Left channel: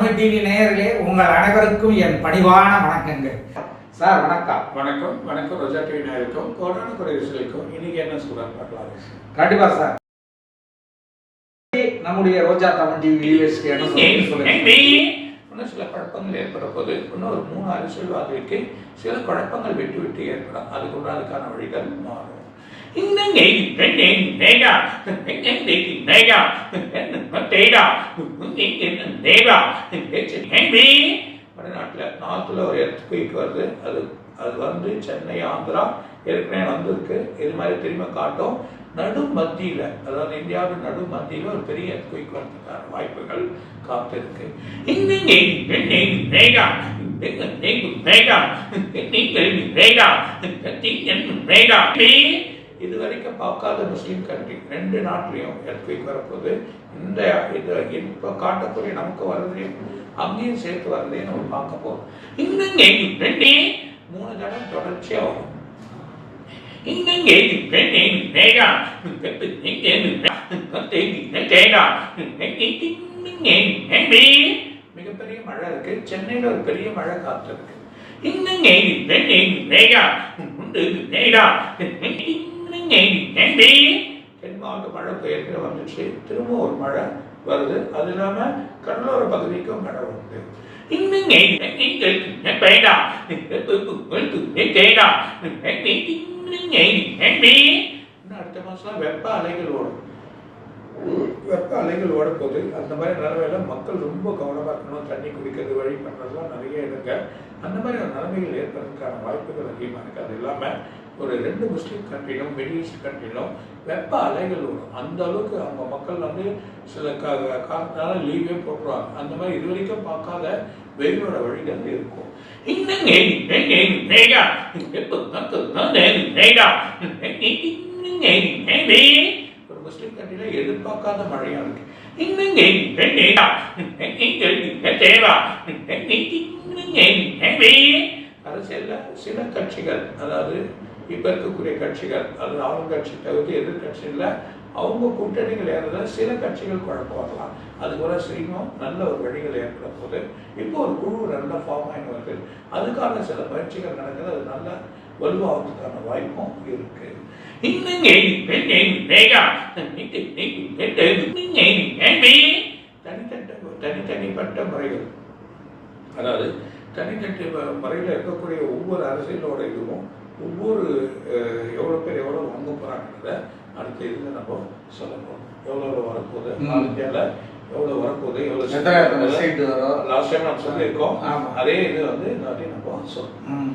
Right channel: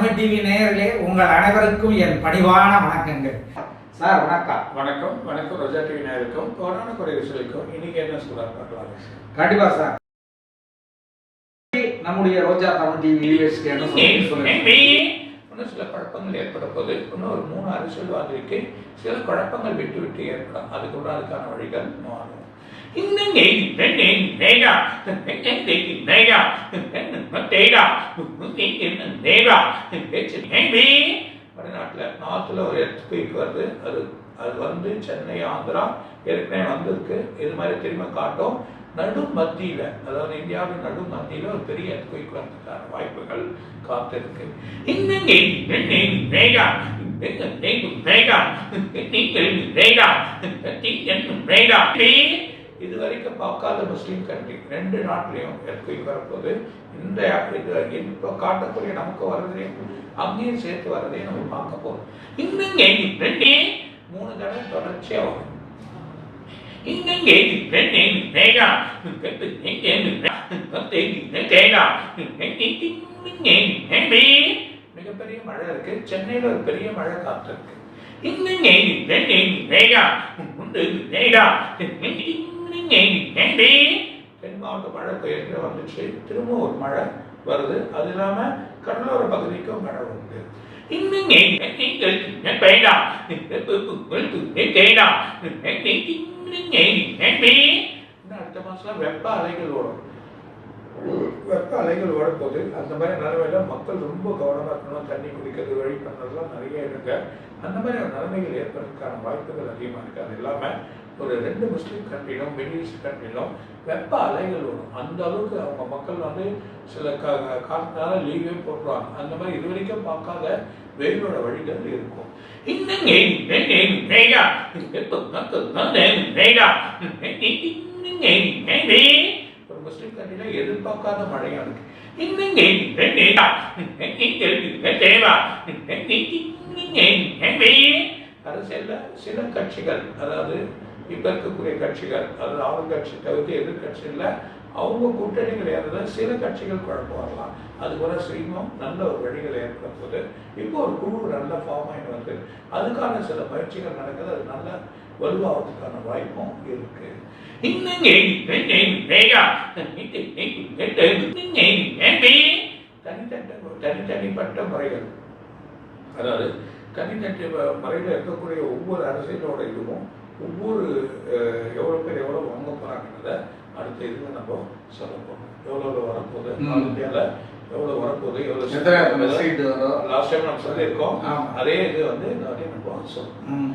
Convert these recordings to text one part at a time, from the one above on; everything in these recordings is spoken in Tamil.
தமிழ் டிவி நேயர்களே உங்கள் அனைவருக்கும் என் பணிவான வணக்கங்கள். சார் வணக்கம். வணக்கம் வணக்கம். ரோஜா டிவி நேயருக்கும் கொரோனா குறைவிசலுக்கும் இன்னைக்கு என்ன சொல்றாரு பார்க்கலாம். கண்டிப்பா சார். நம்முடைய ரோஜா தமிழ் டிவி வியூவர்ஸ்க்கு என்ன சொல்லி சொல்லுங்க? இன்னும் சில குழப்பங்கள் ஏற்பட போது இன்னும் ஒரு மூணு அரசியல்வாதிக்கு சில குழப்பங்கள் விட்டு விட்டு ஏற்படும். அதுக்கு கூட அதுக்கான வழிகள் மாறும். வடநாட்டில் நார்த்தில் ஒரு எர்த்குயிக் வருது அது அது வந்து சென்னை ஆந்திரா ஏற்கனவே வந்திருக்கு இது மாதிரி திரும்ப காட்டும் நடு மத்தியில் அதாவது இந்தியாவின் நடு மத்தியில் ஒரு பெரிய எர்த்குயிக் வர்றதுக்கான வாய்ப்புகள் காத்திருக்கு வேகா வேகா வேகா இது வரைக்கும் பார்க்காத முஸ்லீம் கண்ட்ரி ரெண்டு நாட்டிலையும் எர்த்குயிக் வரப்போது இந்த இது இப்போ காட்டக்கூடிய நமக்கு வர்றதையும் அங்கேயும் சேர்த்து வர்றதையும் நம்ம பார்க்க போகிறோம் மூணு தடவை தொடர்ச்சியாக வரும் மிகப்பெரிய மழை இருக்கு சென்னையில ஒரு பெரிய மழை காத்திருக்கு தென் மாவட்ட மழை பெயர்க்கிற வந்துச்சு திரும்ப ஒரு மழை வருது. அது இல்லாம கடலோர பகுதிக்கும் மழை வருது. அடுத்த மாசம் வெப்ப அலைகள் ஓடும். வெப்ப அலைகள் ஓடப்போகுது அந்த மாதிரி நிலைமையில மக்கள் ரொம்ப கவனமா இருக்கணும். தண்ணி குடிக்கிறது வழி பண்றதுலாம் நிறைய இருக்கு அந்த மாதிரி நிலைமைகள் ஏற்படுறதுக்கான வாய்ப்புகள் அதிகமாக இருக்கு. அது இல்லாம ஒரு ரெண்டு முஸ்லீம் கண்ட்ரிலும் மிடில் கண்ட்ரிலும் வெப்ப அலைகள் வரும் அந்த அளவுக்கு அவங்க மக்கள் வந்து சில கா காலத்தினால லீவே போடுறாங்க அந்த மாதிரி இது வரைக்கும் பார்க்காத வெயிலோட வழிகள் இருக்கும் ஒரு முஸ்லீம் கண்ட்ரில எதிர்பார்க்காத மழையா இருக்கு அரசியல்ல சில கட்சிகள் அதாவது இப்போ இருக்கக்கூடிய கட்சிகள். அதாவது ஆளுங்கட்சி தவிர்த்து எதிர்கட்சியில் அவங்க கூட்டணிகள் ஏறத சில கட்சிகள் குழப்பம் வரலாம். அது கூட நல்ல ஒரு வழிகள் ஏற்படும் போது இப்போ ஒரு குழு நல்ல ஃபார்ம் ஆகி வருது. அதுக்கான சில பயிற்சிகள் நடக்குது. அது நல்ல வலுவாகிறதுக்கான வாய்ப்பும் இருக்கு. தனித்தட்ட தனித்தனிப்பட்ட முறைகள். அதாவது தனித்தனி முறையில் இருக்கக்கூடிய ஒவ்வொரு அரசியலோட இதுவும் ஒவ்வொரு எவ்வளோ பேர் எவ்வளோ வாங்க போகிறாங்கிறத அடுத்த இதில் நம்ம சொல்ல போகிறோம் எவ்வளோ எவ்வளோ வரப்போகுது? இந்தியாவில் எவ்வளோ வரப்போகுது? எவ்வளோ லாஸ்ட் டைம் நம்ம சொல்லியிருக்கோம். அதே இது வந்து வாட்டி நம்ம சொல்றோம். ம்.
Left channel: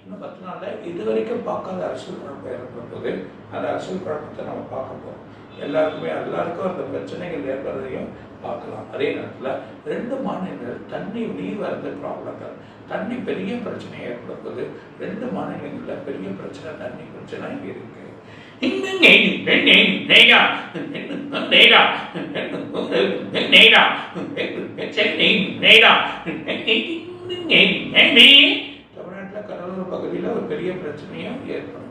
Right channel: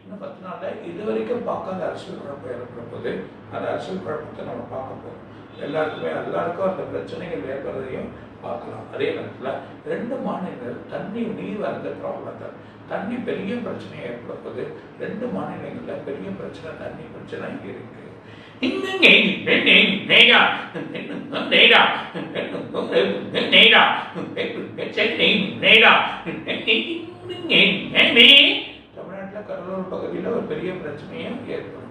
இன்னும் பத்து நாள்ல இது வரைக்கும் பார்க்காத அரசியல் குழப்பம் ஏற்பட போது அந்த அரசியல் குழப்பத்தை நம்ம பார்க்க போறோம். எல்லாருக்குமே எல்லாருக்கும் அந்த பிரச்சனைகள் ஏற்படுறதையும் பார்க்கலாம். அதே நேரத்தில் ரெண்டு மாநிலங்கள் தண்ணி நீர் வரந்த ப்ராப்ளங்கள் தண்ணி பெரிய பிரச்சனை ஏற்பட ரெண்டு மாநிலங்களில் பெரிய பிரச்சனை தண்ணி பிரச்சனை இங்கே இருக்கு. தமிழ்நாட்டில் கடலூர் பகுதியில் ஒரு பெரிய பிரச்சனையும் ஏற்படும்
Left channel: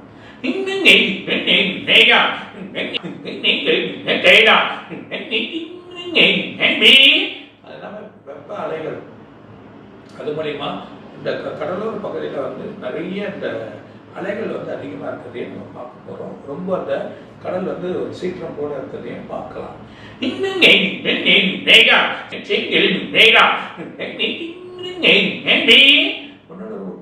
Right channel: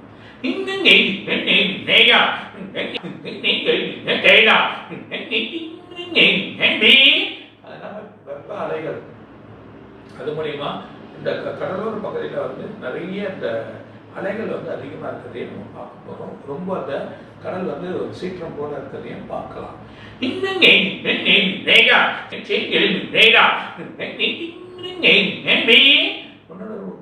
வெப்ப அலைகள் அது மூலியமா இந்த கடலோர பகுதியில் வந்து நிறைய இந்த அலைகள் வந்து அதிகமாக இருக்கிறதையும் நம்ம பார்க்க போகிறோம் ரொம்ப அந்த கடல் வந்து ஒரு சீக்கிரம் போல இருக்கிறதையும் பார்க்கலாம் இன்னொரு ஒரு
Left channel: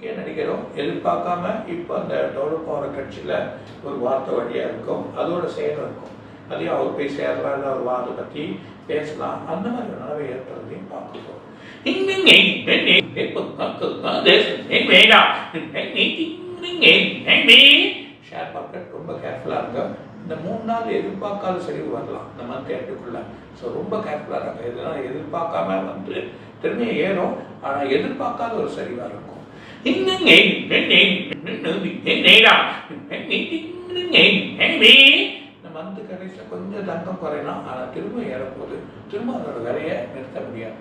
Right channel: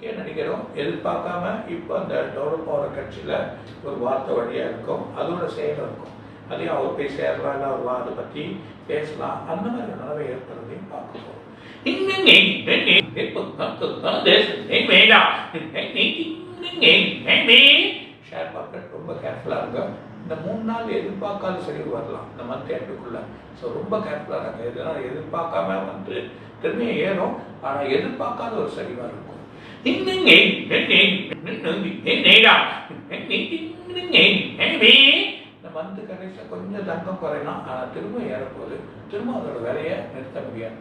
முக்கிய நடிகரும் எதிர்பார்க்காம இப்போ அந்த டெவலப் ஆகிற கட்சியில் ஒரு வார்த்தை வழியாக இருக்கும் அதோட செயல் இருக்கும் அதையும் அவர் போய் சேரலாம் இல்லை அவர் வா அதை பற்றி பேசலாம் அந்த மாதிரி ஒரு நிலவை ஏற்படுறதையும் பார்க்க போகிறோம் ஷேர் மார்க்கெட் ரொம்ப கேர்ஃபுல்லாக இருக்கும் இந்த மூணு நாள் எதிர்பார்க்காத சரிவு வரலாம் இந்த மந்த் எண்டுக்குள்ள ஸோ ரொம்ப கேர்ஃபுல்லாக இருக்கும் இதெல்லாம் எதிர்பார்க்காம வந்து திறமையை ஏறும் ஆனால் எதிர்பார்க்காத ஒரு சரிவாக இருக்கும் இந்த மந்த் கடைசியில் கொஞ்சம் தங்கம் குறையணும் ஆனால் திரும்ப ஏறப்போகுது திரும்ப அதோட விலையை நிறுத்த முடியாது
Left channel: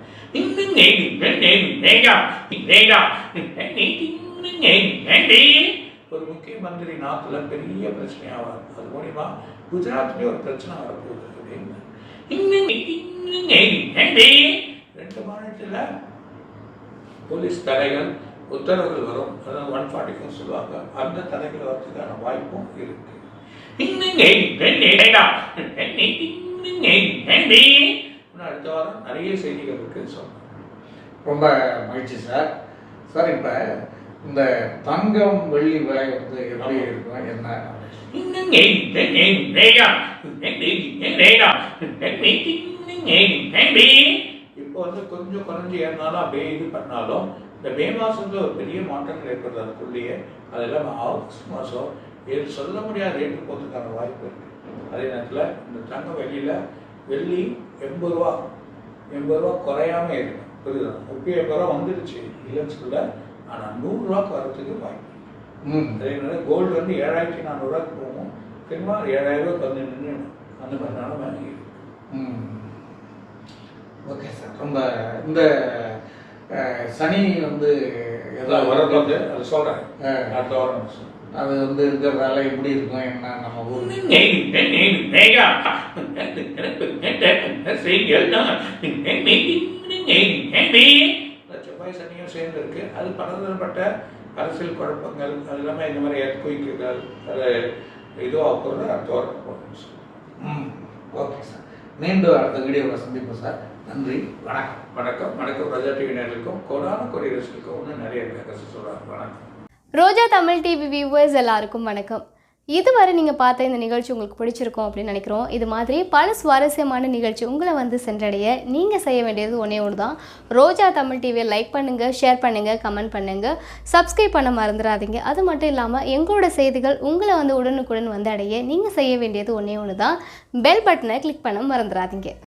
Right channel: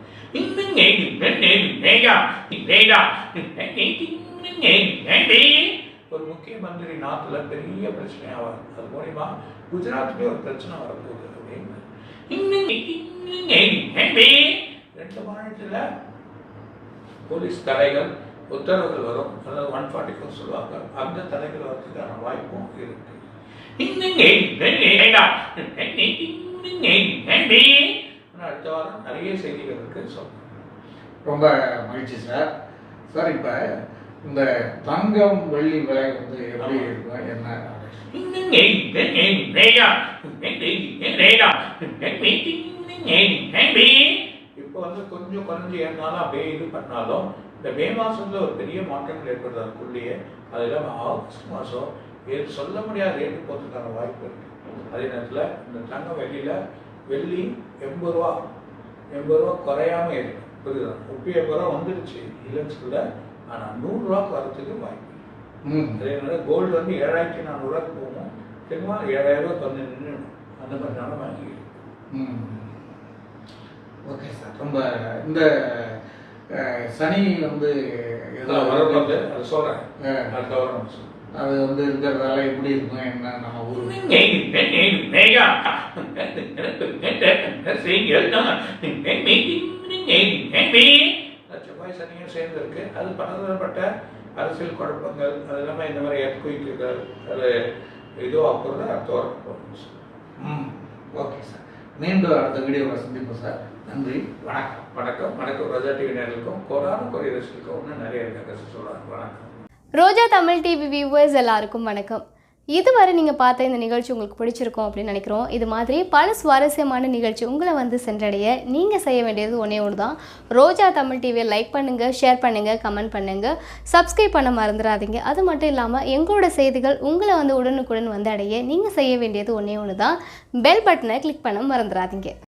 ஒரு முக்கிய மந்திரி நாட்டுல பெரிய பிரச்சனையாவார் அது மூலியமா குஜராத்லயே ஒரு பிரச்சனை வரப்போகுது அப்படின்னு ரெண்டு மாநிலத்தில் போலீஸ் தலைகள் உத்தரவுகள் வரும் அதாவது ஒன் ஃபார்ட்டி ஃபோர் சொல்லுவாங்க அந்த தடைகள் வரதுக்கான வாய்ப்பும் இருக்கு இன்னும் அடுத்த வாரம் நிறைய செய்திகள் இருக்கு சொல்றேன் ரொம்ப மகிழ்ச்சி சார் சார் இப்போ இந்த தங்கம் வெள்ளி விலை வந்து எப்படி. இருக்கும் என்ன இப்போ வந்து கொஞ்சம் குறைஞ்சி ஏறினாலும் அப்படியே இது பண்ணாலும் இந்த மே மாசத்துல ஒரு பெரிய மாற்றங்கள் ஏற்படுது அதுக்குள்ளேயே அது இல்லாமல் ஆகஸ்ட் மாதம் இது சொல்ல முடியாத ரேட்டு போகிறதுக்கான வாய்ப்பு இருக்கு. அதே நேரத்தில் இந்த தங்க வெளியில் வெள்ளி எண்பது ரூபா எண்பது ரூபா குறையாம இருக்கு. புரியுதா? முப்பது எண்பது ரூபா வந்துடுச்சு இல்லைன்னு சொல்ல ஆனால் நூறுரூவாக்கு வரதுக்கு வாய்ப்பு அதே நேரம் கோல்டு வந்து ஏழாயிரத்தி நானூறுரூவாக்கு போகும். திரும்ப ஏழாயிரம் ரூபாய் வந்து நின்று அந்த மாதிரி நிலைமை இருக்கு. Okay sir. ரொம்ப இந்த சனி வந்து அது சொல்கிறேன் அடுத்த வாரம். அது வந்து இருக்கிறதால எப்படி இருக்கும் என்ன நம்ம ஊர். செவ்வாய் சனியும் சேர்ந்து இருக்கு. அது பலதரப்பட்ட அரசியல் குழப்பங்கள் அது இல்லாமல் இந்த மாதிரி எர்த்குயிக்குகள் அது இதுவாக போகிறது அடுத்த வாரம் ஓகே சார். மீண்டும் அடுத்த வீடியோவில் சந்திப்போம் சார். நன்றி. வணக்கம். வணக்கம். வணக்கம். ராஜா டிவி நேர்களுக்கும் கொரோனா இன்னும் நிறைய சொல்கிறாங்க வணக்கம். ரோஜா தமிழ் டிவி வியூவர்ஸ் எல்லாருக்கும் வணக்கம். இதுவரை நீங்கள் பார்த்த இந்த நிகழ்ச்சி உங்களுக்கு பிடிச்சிருக்கும் அப்படின்னு நினைக்கிறோம். இது மாதிரி பல சுவாரஸ்யமான நிகழ்ச்சி உங்களை வந்து சென்றடைய நீங்கள் செய்ய வேண்டியது ஒன்றே ஒன்று தான் ரோஜா தமிழ் டிவியை லைக் பண்ணுங்கள் ஷேர் பண்ணுங்கள் கமெண்ட் பண்ணுங்கள் சப்ஸ்கிரைப் பண்ண மறந்துடாதீங்க. அது மட்டும் இல்லாமல் எங்களோட செய்திகள் உங்களை வந்து உடனுக்குடன் வந்து அடைய நீங்கள் செய்ய வேண்டியது ஒன்றே ஒன்று தான் பெல் பட்டனை கிளிக் பண்ண மறந்துடாதீங்க.